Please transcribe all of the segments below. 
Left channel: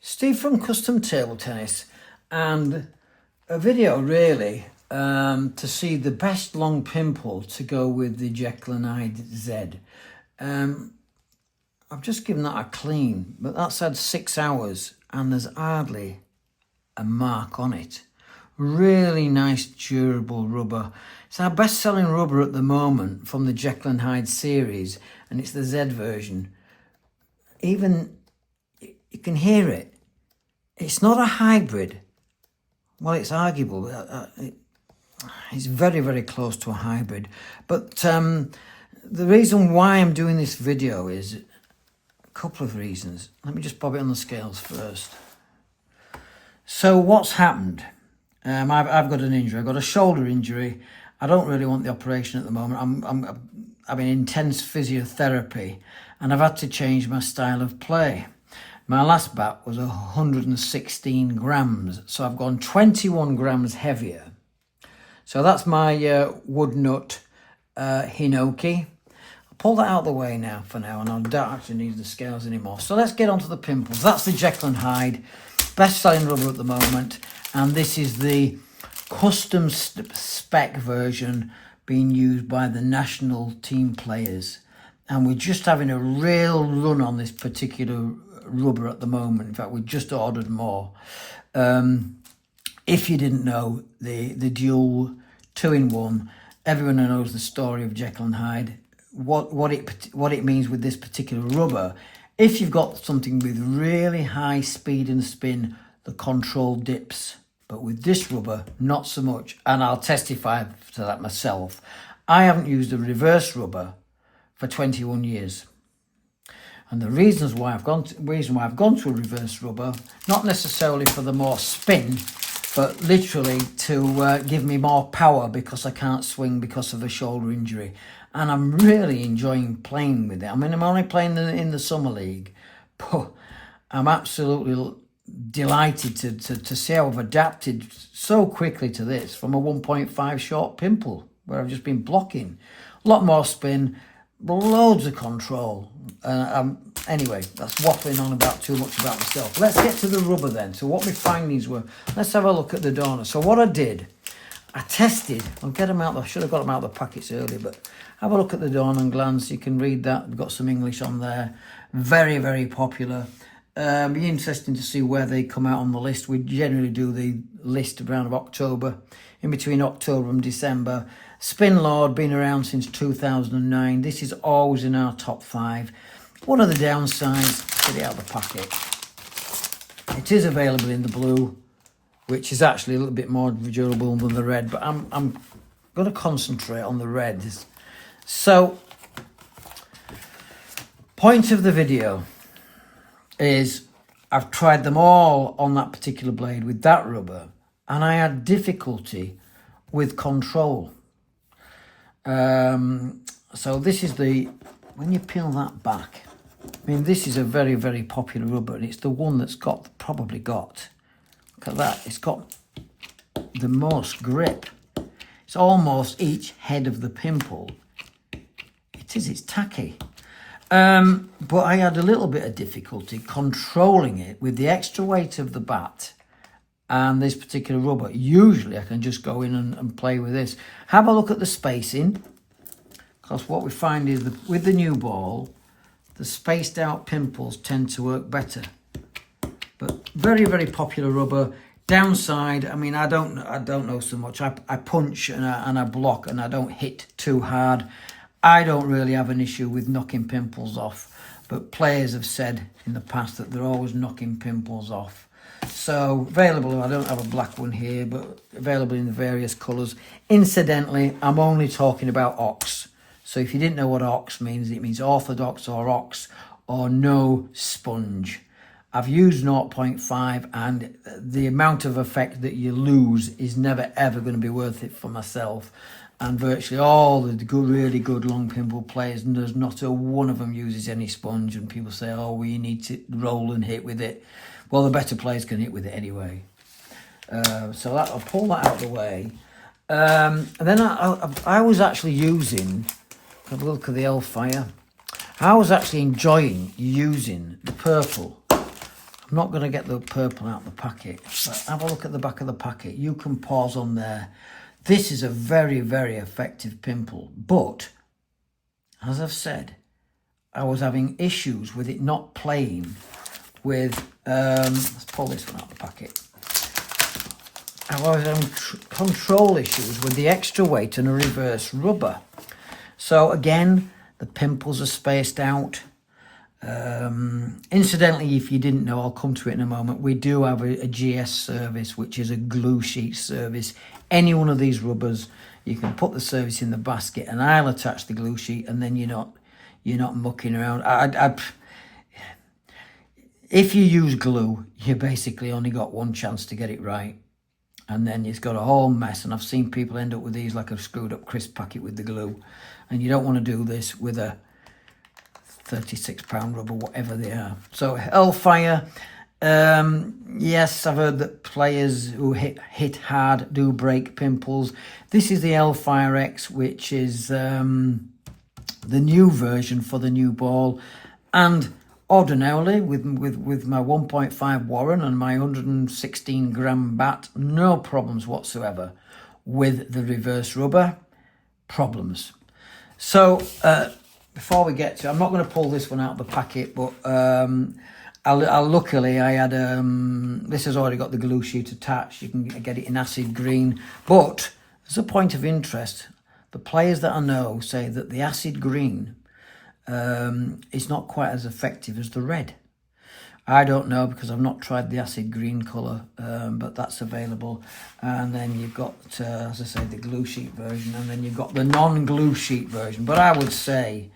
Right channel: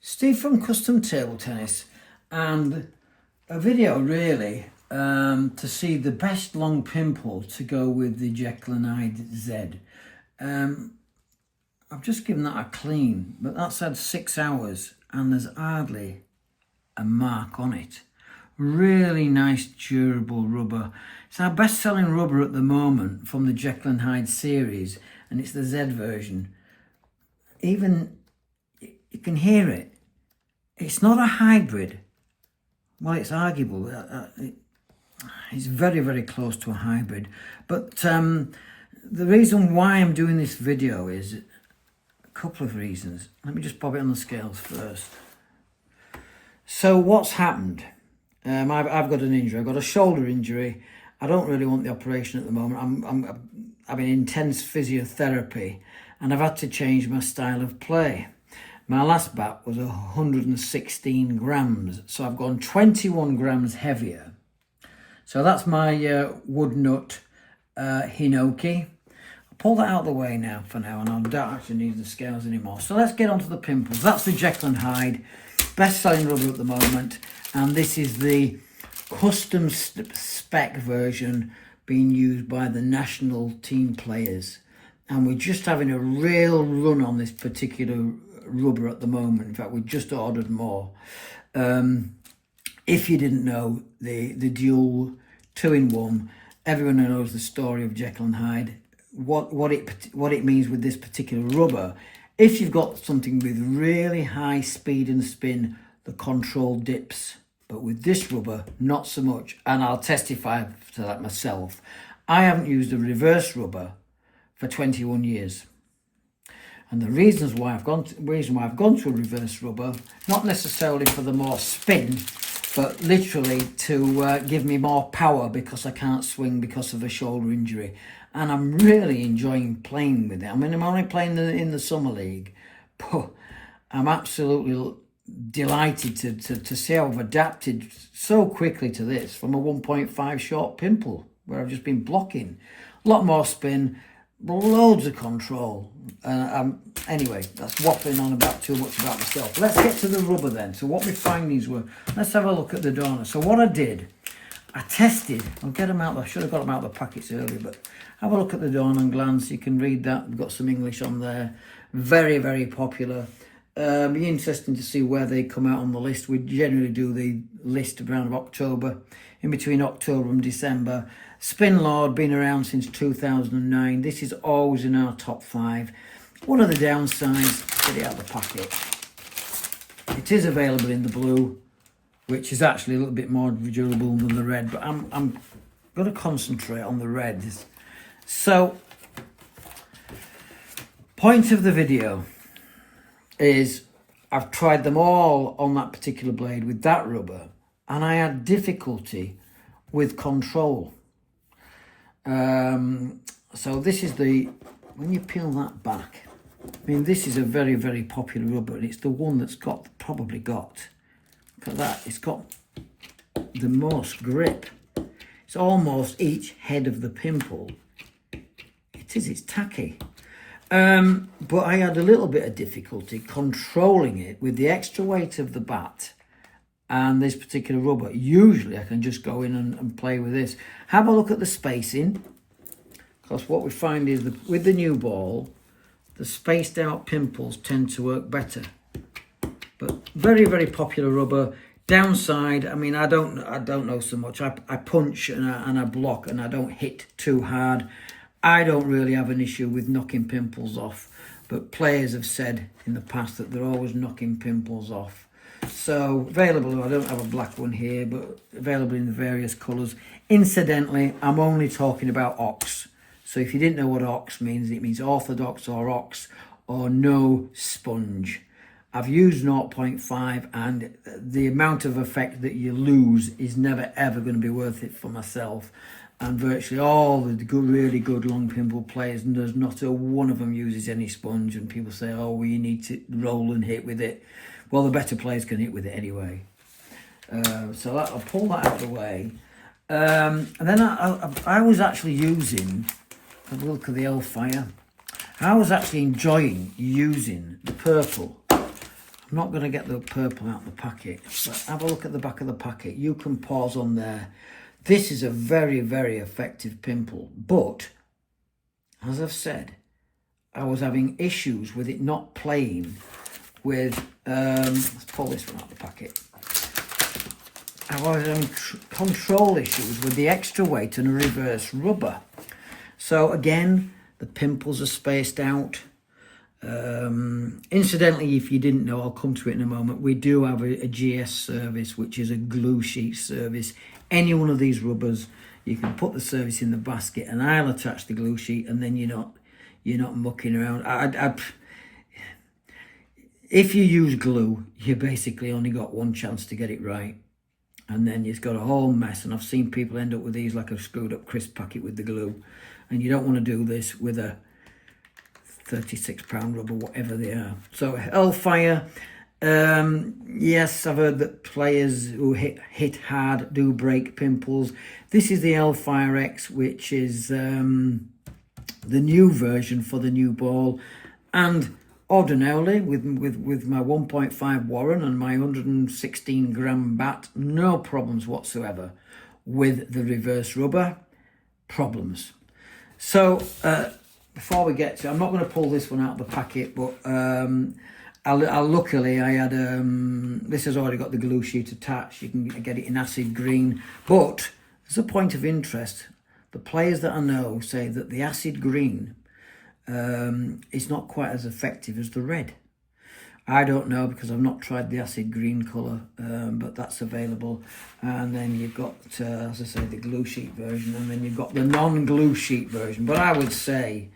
Steve from Custom Table Tennis, and a video really to see the best long pimple to go with the Jekyll Hyde Z. I've just given that a clean, but that's had 6 hours and there's hardly a mark on it. Really nice durable rubber. It's our best selling rubber at the moment from the Jekyll Hyde series, and it's the Z version. Even you can hear it. It's not a hybrid. Well, it's arguable. It's very, very close to a hybrid. But the reason why I'm doing this video is a couple of reasons. Let me just bob it on the scales first. So what's happened? I've got an injury. I've got a shoulder injury. I don't really want the operation at the moment. I'm having intense physiotherapy, and I've had to change my style of play. My last bat was 116 grams, so I've gone 21 grams heavier. So that's my wood nut hinoki. I'll pull that out of the way now for now, and I don't actually need the scales anymore. So let's get on to the pimples. That's the Jekyll Hyde, best-selling rubber at the moment, and this is the custom spec version being used by the national team players. And we're just having a real run on this particular rubber at the moment. In fact, we just ordered more. If you didn't know, the dual 2-in-1, everyone knows the story of Jekyll Hyde, what it means with this particular rubber. If you've got something with really high speed and spin, the control dips. But with this rubber, not so much. And I'll testify to that myself. I haven't used a reverse rubber for 21 years. And the reason why I've gone to a reverse rubber, not necessarily for the more spin, but literally to give me more power because I can't swing because of a shoulder injury. And I'm really enjoying playing with it. I mean, I'm only playing in the summer league, but I'm absolutely delighted to see how I've adapted so quickly to this from a 1.5 short pimple where I've just been blocking. A lot more spin, loads of control. Anyway, that's waffling on about too much about myself. Let's get to the rubber then. So what my findings were, let's have a look at the Dorner. So what I did, I tested, I'll get them out, I should have got them out of the packets earlier, but have a look at the Dornenglanz. You can read that, we've got some English on there. Very, very popular. Be interesting to see where they come out on the list. We generally do the list around October, in between October and December. Spin Lord, been around since 2009. This is always in our top 5. One of the downsides, get it out of the packet. It is available in the blue, which is actually a little bit more durable than the red, but I'm going to concentrate on the red. So, point of the video is I've tried them all on that particular blade with that rubber, and I had difficulty with control. So this is when you peel that back, I mean, this is a very, very popular rubber, and it's the one that's probably got, look at that, it's got the most grip. It's almost each head of the pimple. It's tacky. But I had a little bit of difficulty controlling it with the extra weight of the bat and this particular rubber. Usually I can just go in and play with this. Have a look at the spacing, because what we find is with the new ball, the spaced out pimples tend to work better. But very, very popular rubber. Downside, I mean, I don't know so much. I punch and I block and I don't hit too hard. I don't really have an issue with knocking pimples off, but players have said in the past that they're always knocking pimples off. So available, I don't have a black one here, but available in the various colours. Incidentally, I'm only talking about ox. So if you didn't know what ox means, it means orthodox or ox or no sponge. I've used 0.5, and the amount of effect that you lose is never ever going to be worth it for myself. And virtually all the really good long pimple players, and there's not a one of them uses any sponge, and people say, oh, well, you need to roll and hit with it. Well, the better players can hit with it anyway. So I'll pull that out of the way. And then I was actually using, have a look at the Hellfire. I was actually enjoying using the purple. I'm not going to get the purple out of the packet, but have a look at the back of the packet. You can pause on there. This is a very, very effective pimple, but as I've said, I was having issues with it not playing with, let's pull this one out of the packet. I was having control issues with the extra weight and a reverse rubber. So again, the pimples are spaced out. Incidentally, if you didn't know, I'll come to it in a moment, we do have a GS service, which is a glue sheet service. Any one of these rubbers, you can put the service in the basket and I'll attach the glue sheet, and then you're not mucking around. If you use glue, you basically only got one chance to get it right, and then it's got a whole mess. And I've seen people end up with these like a screwed up crisp packet with the glue, and you don't want to do this with a 36-pound rubber, whatever they are. So Hellfire, yes, I've heard that players who hit hard do break pimples. This is the Hellfire X, which is the new version for the new ball, and ordinarily with my 1.5 Warren and my 116 gram bat, no problems whatsoever. With the reverse rubber, problems. So before we get to, I'm not going to pull this one out of the packet, but luckily I had, this has already got the glue sheet attached. You can get it in acid green, but as a point of interest, the players that I know say that the acid green is not quite as effective as the red. I don't know, because I've not tried the acid green colour, but that's available. And then you've got, as I say, the glue sheet version, and then you've got the non-glue sheet version. But I would say,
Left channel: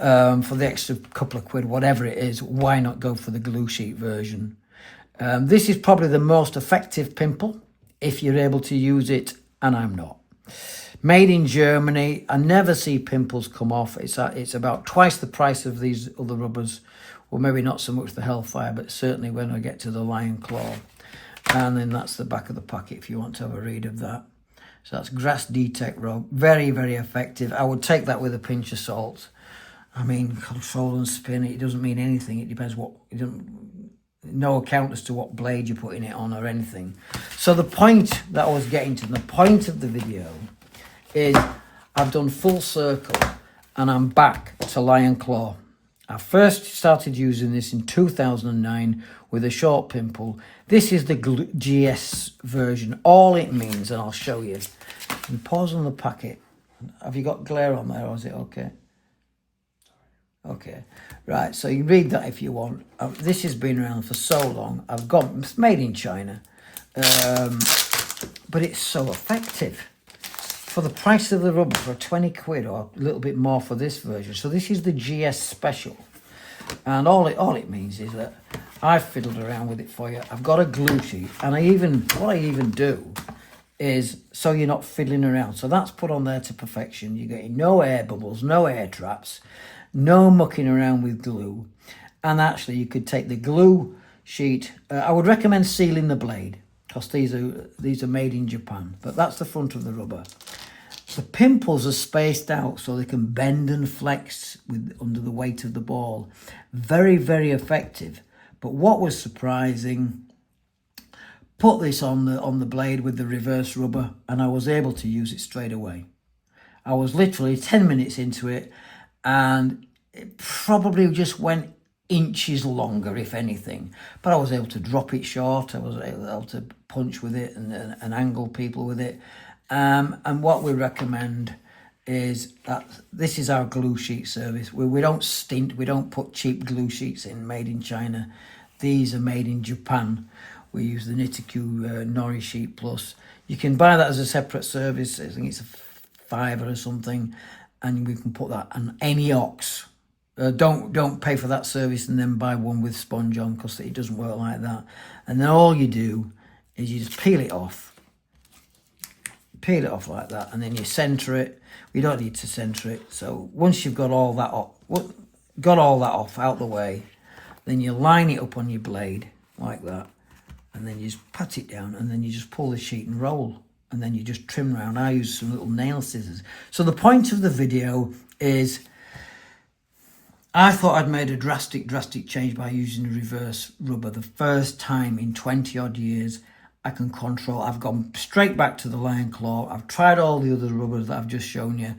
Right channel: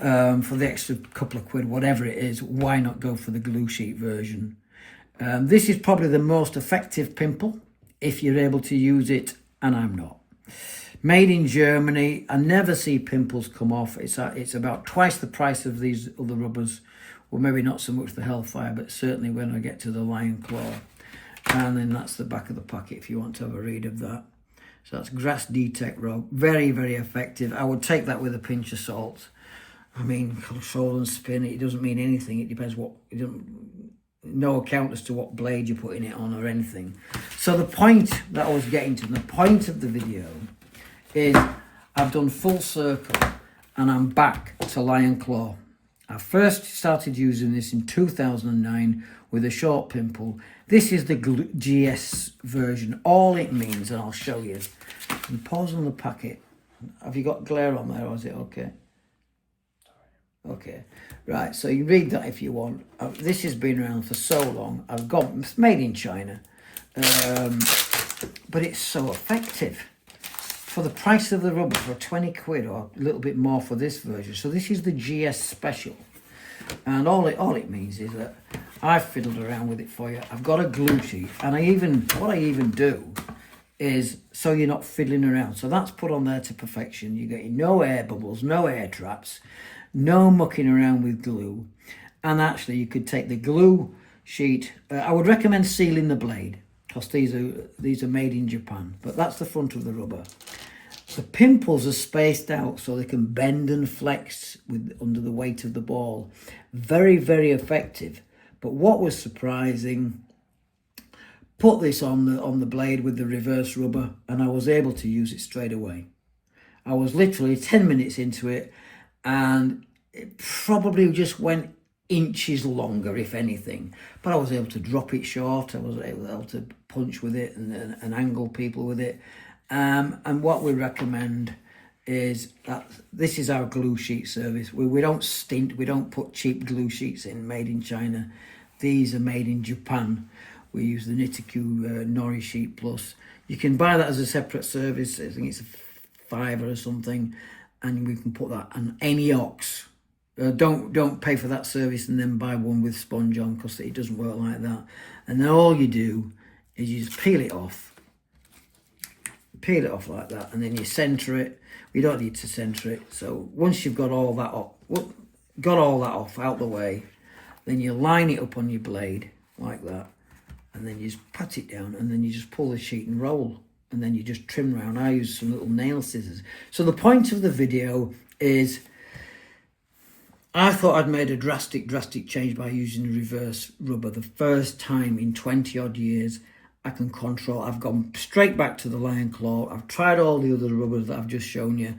for the extra couple of quid, whatever it is, why not go for the glue sheet version? This is probably the most effective pimple, if you're able to use it, and I'm not. Made in Germany. I never see pimples come off. It's about twice the price of these other rubbers. Well, maybe not so much the Hellfire, but certainly when I get to the Lion Claw. And then that's the back of the packet if you want to have a read of that. So that's Grass D Tec Rogue. Very, very effective. I would take that with a pinch of salt. I mean, control and spin, it doesn't mean anything. It depends what, no account as to what blade you're putting it on or anything. So the point that I was getting to, the point of the video is I've done full circle and I'm back to Lion Claw. I first started using this in 2009 with a short pimple. This is the GS version. All it means, and I'll show you. And pause on the packet. Have you got glare on there, or is it okay? Okay, right, so you read that if you want. This has been around for so long. It's made in China. But it's so effective. For the price of the rubber, for 20 quid or a little bit more for this version. So this is the GS Special. And all it means is that I've fiddled around with it for you. I've got a glue sheet, and what I even do is, so you're not fiddling around. So that's put on there to perfection. You're getting no air bubbles, no air traps, no mucking around with glue. And actually you could take the glue sheet. I would recommend sealing the blade, because these are made in Japan, but that's the front of the rubber. The pimples are spaced out so they can bend and flex under the weight of the ball. Very, very effective. But what was surprising, put this on the blade with the reverse rubber, and I was able to use it straight away. I was literally 10 minutes into it, and it probably just went inches longer, if anything. But I was able to drop it short. I was able to punch with it and angle people with it. And what we recommend is that this is our glue sheet service. We don't stint, we don't put cheap glue sheets in made in China. These are made in Japan. We use the Nitiku Nori Sheet Plus. You can buy that as a separate service. I think it's a £5 or something, and we can put that on any ox. Don't pay for that service and then buy one with sponge on, because it doesn't work like that. And then all you do is you just peel it off like that, and then you centre it. You don't need to centre it. So once you've got all that off out the way, then you line it up on your blade like that, and then you just pat it down, and then you just pull the sheet and roll, and then you just trim around. I use some little nail scissors. So the point of the video is, I thought I'd made a drastic change by using the reverse rubber. The first time in 20 odd years I can control. I've gone straight back to the Lion Claw. I've tried all the other rubbers that I've just shown you,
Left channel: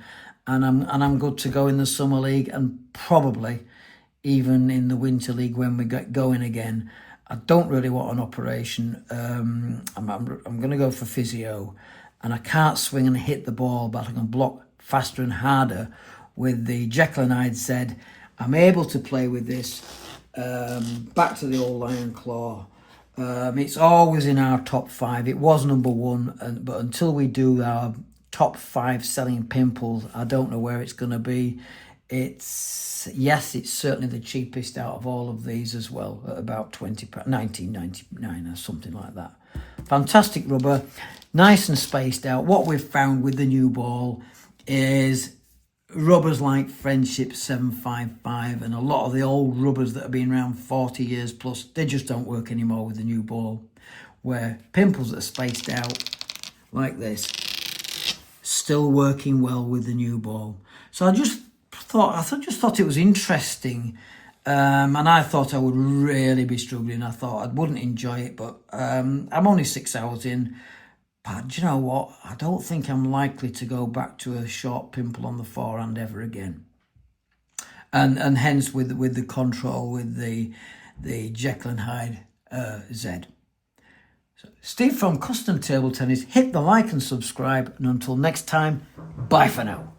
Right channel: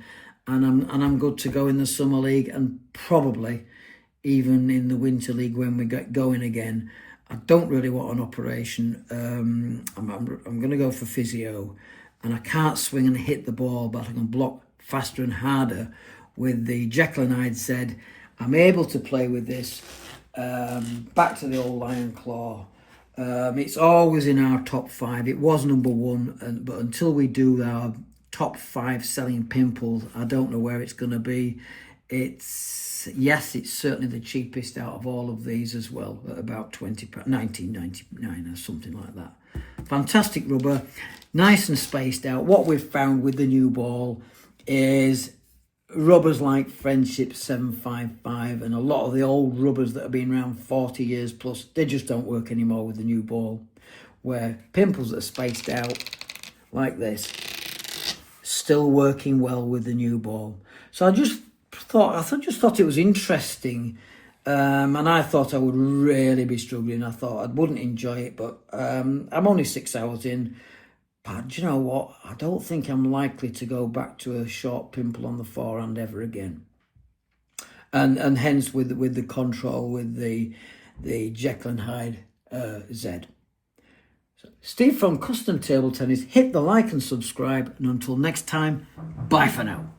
and I'm good to go in the Summer League, and probably even in the Winter League when we get going again. I don't really want an operation. I'm going to go for physio, and I can't swing and hit the ball, but I can block faster and harder with the Jekyll Hyde Z. I'm able to play with this. Back to the old Lion Claw. It's always in our top 5. It was number 1, but until we do our top 5 selling Pimple, I don't know where it's going to be. It's certainly the cheapest out of all of these as well, at about £19.99 or something like that. Fantastic rubber, nice and spaced out. What we've found with the new ball is rubbers like Friendship 755 and a lot of the old rubbers that have been around 40 years plus, they just don't work anymore with the new ball. Where Pimples that are spaced out like this, still working well with the new ball. So I just thought it was interesting, and I thought I would really be struggling. I thought I wouldn't enjoy it, but I'm only 6 hours in. But do you know what? I don't think I'm likely to go back to a short pimple on the forehand ever again. And hence with the control with the Jekyll Hyde Z. So, Steve from Custom Table Tennis. Hit the like and subscribe, and until next time, bye for now.